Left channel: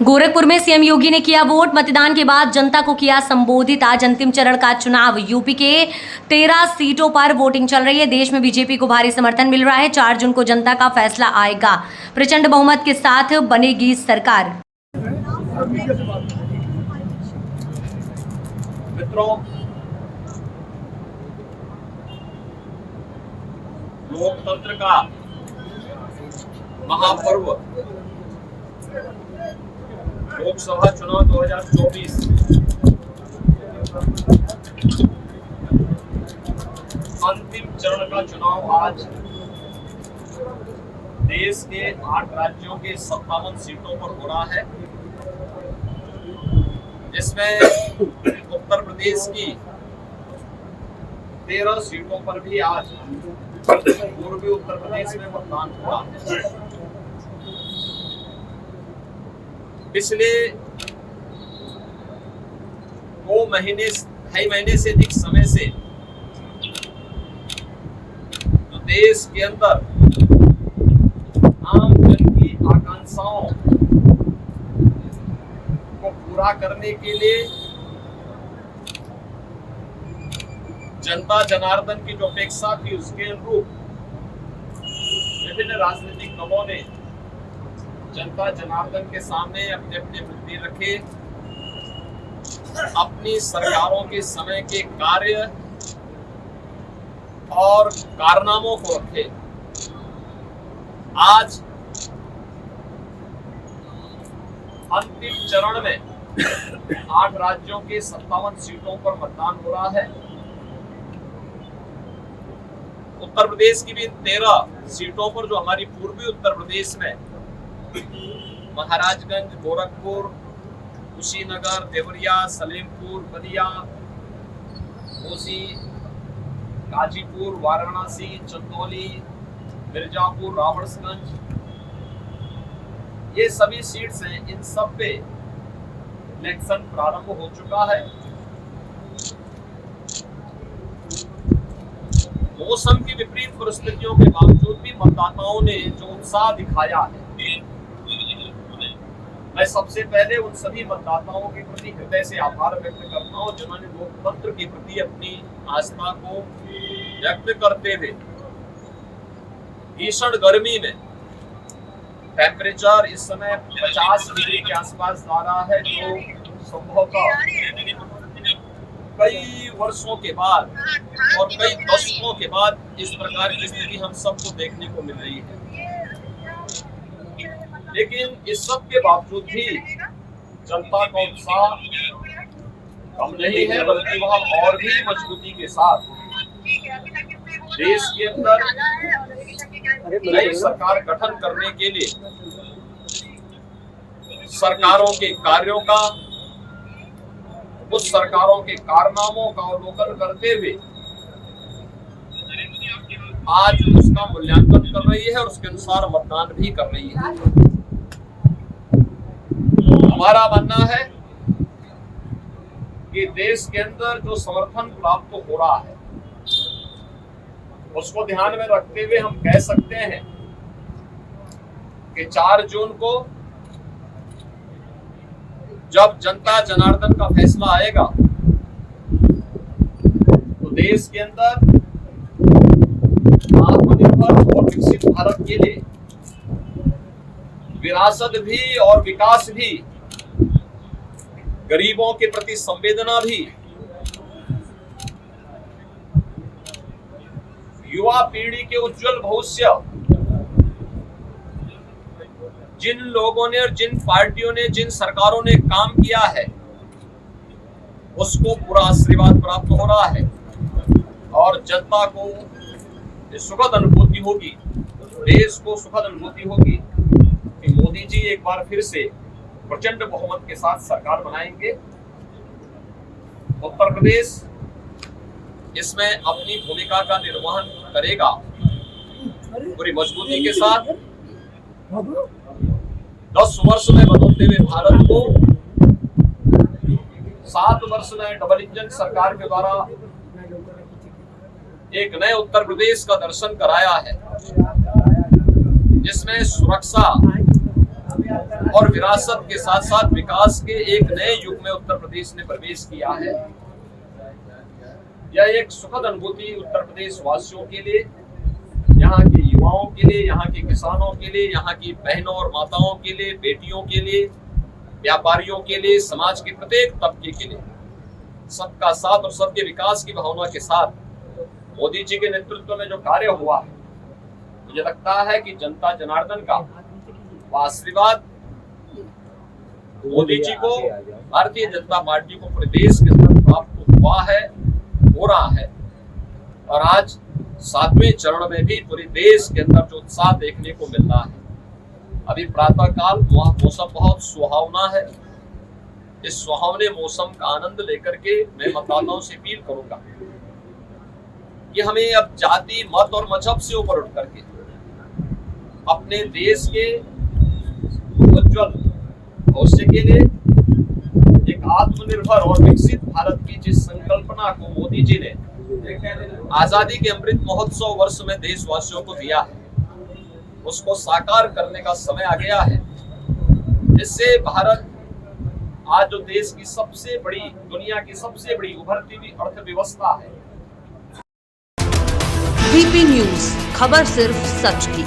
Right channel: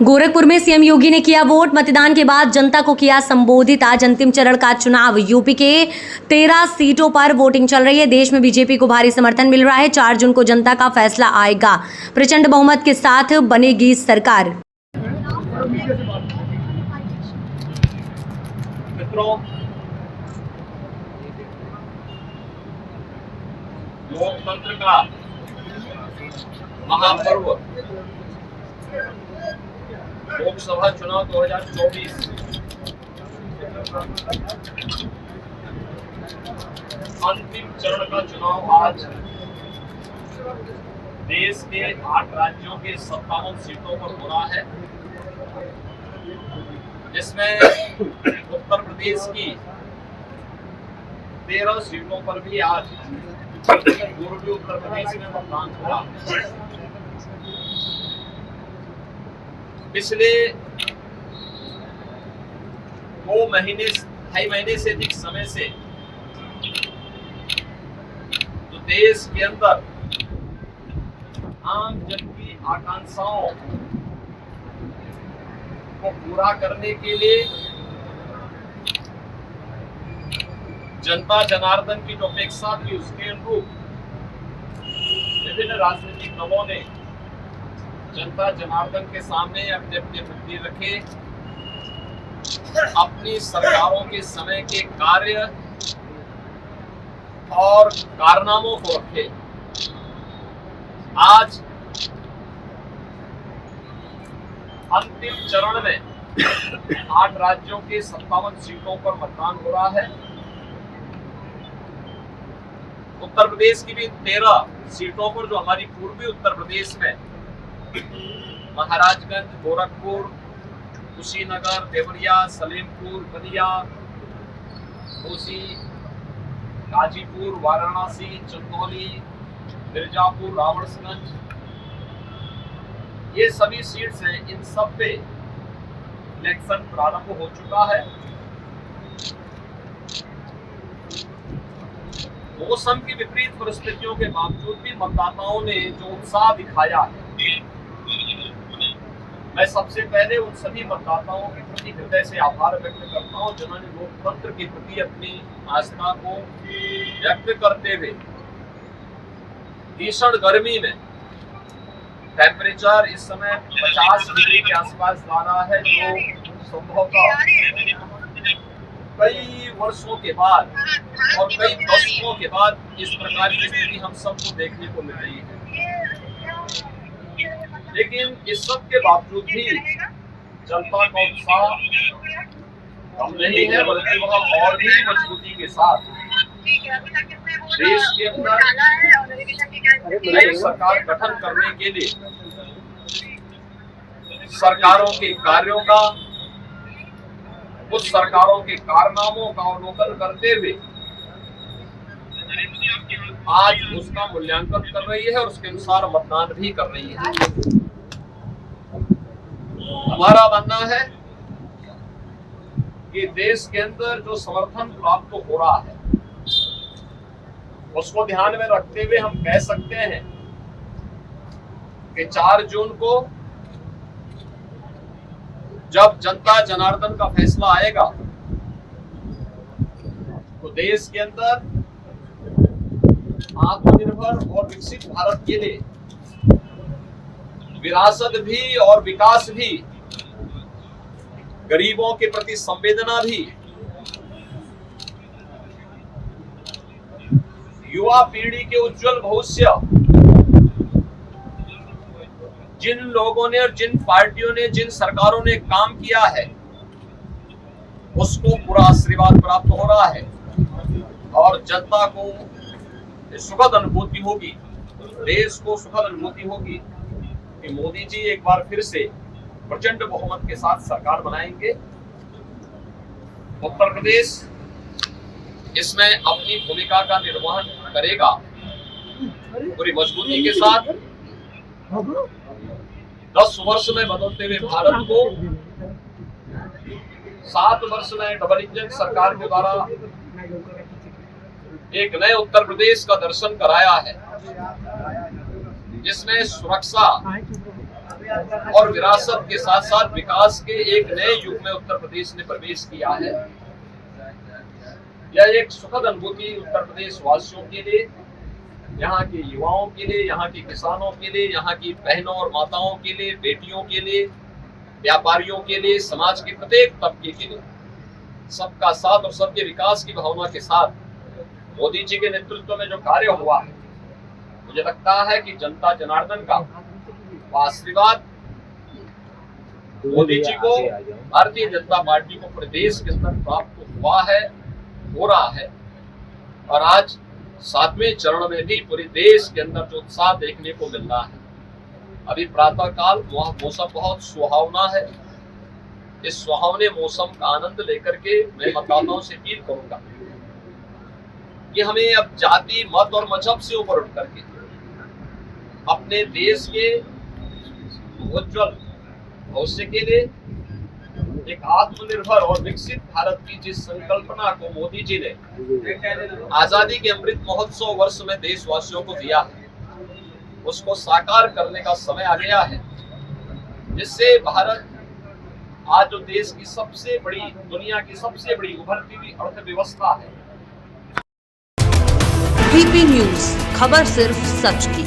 गोरखपुर में सीएम योगी ने किया वोट। मतदान के बाद जनता को किया संबोधित। आज अंतिम चरण का चुनाव। यूपी के 13 सीटों पर वोटिंग चल रही है। देश में बीजेपी को भारी समर्थन मिल रहा है। 4 जून को जनता का फैसला आएगा। प्रचंड बहुमत के साथ बनेगी सरकार। मित्रों, लोकतंत्र का महापर्व लोकसभा चुनाव 2024 अंतिम चरण का चुनाव आज देश के 8 राज्यों के 57 सीटों पर हो रहा है, जिसमें उत्तर प्रदेश की 13 सीटों पर भी आज पूर्वी उत्तर प्रदेश में मतदान हो रहा है। पिछले 2 महीने 2.5 महीने से अधिक समय से तो देश के अंदर आम जन की आकांक्षाओं को पूरा करने के लिए जनता जनार्दन की जो अपेक्षा थी उसके अनुरूप विभिन्न राजनीतिक दलों ने जनता जनार्दन के सामने अपने अपने मुद्दे रखे, अपनी सरकारों के समय के कार्य और कारनामों को रखे। आज अंतिम चरण में 8 राज्यों के 57 सीटों पर मतदान हो रहा है। उत्तर प्रदेश की भी 13 सीटों पर, जो हमारी पूर्वी उत्तर प्रदेश में महाराजगंज, गोरखपुर, कुशीनगर, देवरिया, सलेमपुर, बलिया, घोसी, गाजीपुर, वाराणसी, चंदौली, मिर्जापुर, रावणसगंज, ये सभी सीट्स हैं। इन सब पे इलेक्शन प्रारंभ हो चुका है। मौसम की विपरीत परिस्थितियों के बावजूद भी मतदाताओं ने जो उत्साह दिखाया है, मैं सबसे पहले उन सभी मतदाताओं के प्रति हृदय से आभार व्यक्त करता हूं जिन्होंने लोकतंत्र के प्रति अपनी आस्था को व्यक्त करते हुए भीषण गर्मी में, टेम्परेचर इस समय 50 डिग्री के आसपास जा रहा है, जो संभवतः कई वर्षों के बाद और कई दशकों के बाद इस प्रकार की स्थिति हम सबको देखने को मिल रही है। लेकिन इस सब के बावजूद भी जनता का उत्साह कम नहीं है, बल्कि वह और भी मजबूती के साथ देश के अंदर नई सरकार गठन करने के लिए सरकारों के कार्यों का, उस सरकारों के कारनामों का अवलोकन करते हुए आज उसका मूल्यांकन कर रही है और उसके अनुसार मतदान भी कर रही है। हमारा मानना है कि देश के अंदर जो समर्थन प्राप्त हो रहा है उसको ध्यान में रखते हुए हम कह सकते हैं कि 4 जून को जब जनता जनार्दन का फैसला आएगा तो देश के अंदर आत्मनिर्भर और विकसित भारत के लिए विरासत भी और विकास भी, गरीबों के प्रति संवेदना भी, युवा पीढ़ी के उज्जवल भविष्य, जिन लोगों ने और जिन पार्टियों ने, जिन सरकारों ने काम किया है, उसको पूरा आशीर्वाद प्राप्त हो रहा है और जनता को सुखद अनुभूति होगी, देश को सुखद अनुभूति होगी कि मोदी जी एक बार फिर से प्रचंड बहुमत के साथ सरकार बनाएंगे। उत्तर प्रदेश इसमें अपनी भूमिका का निर्वहन करेगा पूरी मजबूती के साथ। 10 वर्ष में बदलते हुए भारत को 7 वर्ष में डबल इंजन सरकार के द्वारा एक नए उत्तर प्रदेश का दर्शन कराया है, जिसमें सुरक्षा, और विरासत के साथ साथ विकास के एक नए युग में उत्तर प्रदेश ने प्रवेश किया है। यह एक सुखद अनुभूति उत्तर प्रदेश वासियों के लिए, यहाँ के युवाओं के लिए, यहाँ के किसानों के लिए, यहाँ की बहनों और माताओं के लिए, बेटियों के लिए, व्यापारियों के लिए, समाज के प्रत्येक तबके के लिए सबका साथ और सबके विकास की भावना के साथ मोदी जी के नेतृत्व में जो कार्य हुआ है, मुझे लगता है कि जनता जनार्दन का आशीर्वाद मोदी जी को, भारतीय जनता पार्टी को पूरे देश के अंदर प्राप्त हुआ है, हो रहा है। और आज 7वें चरण में भी पूरे देश के अंदर जो उत्साह देखने को मिल रहा है। अभी प्रातः काल मौसम बहुत सुहावना है। इस सुहावने मौसम का आनंद लेकर के मैं मतदाताओं से अपील करूंगा कि हमें अब जाति, मत और मजहब से ऊपर उठ करके अपने देश के उज्जवल भविष्य के लिए एक आत्मनिर्भर और विकसित भारत की जिस संकल्पना को मोदी जी ने आजादी के अमृत महोत्सव वर्ष में देशवासियों को दिया है, उसको साकार करने का समय आ गया है। जिससे भारत आज जो देश की सबसे बड़ी, दुनिया की सबसे बड़ी उभरती हुई अर्थव्यवस्था है। वीपी न्यूज, खबर सिर्फ सच की।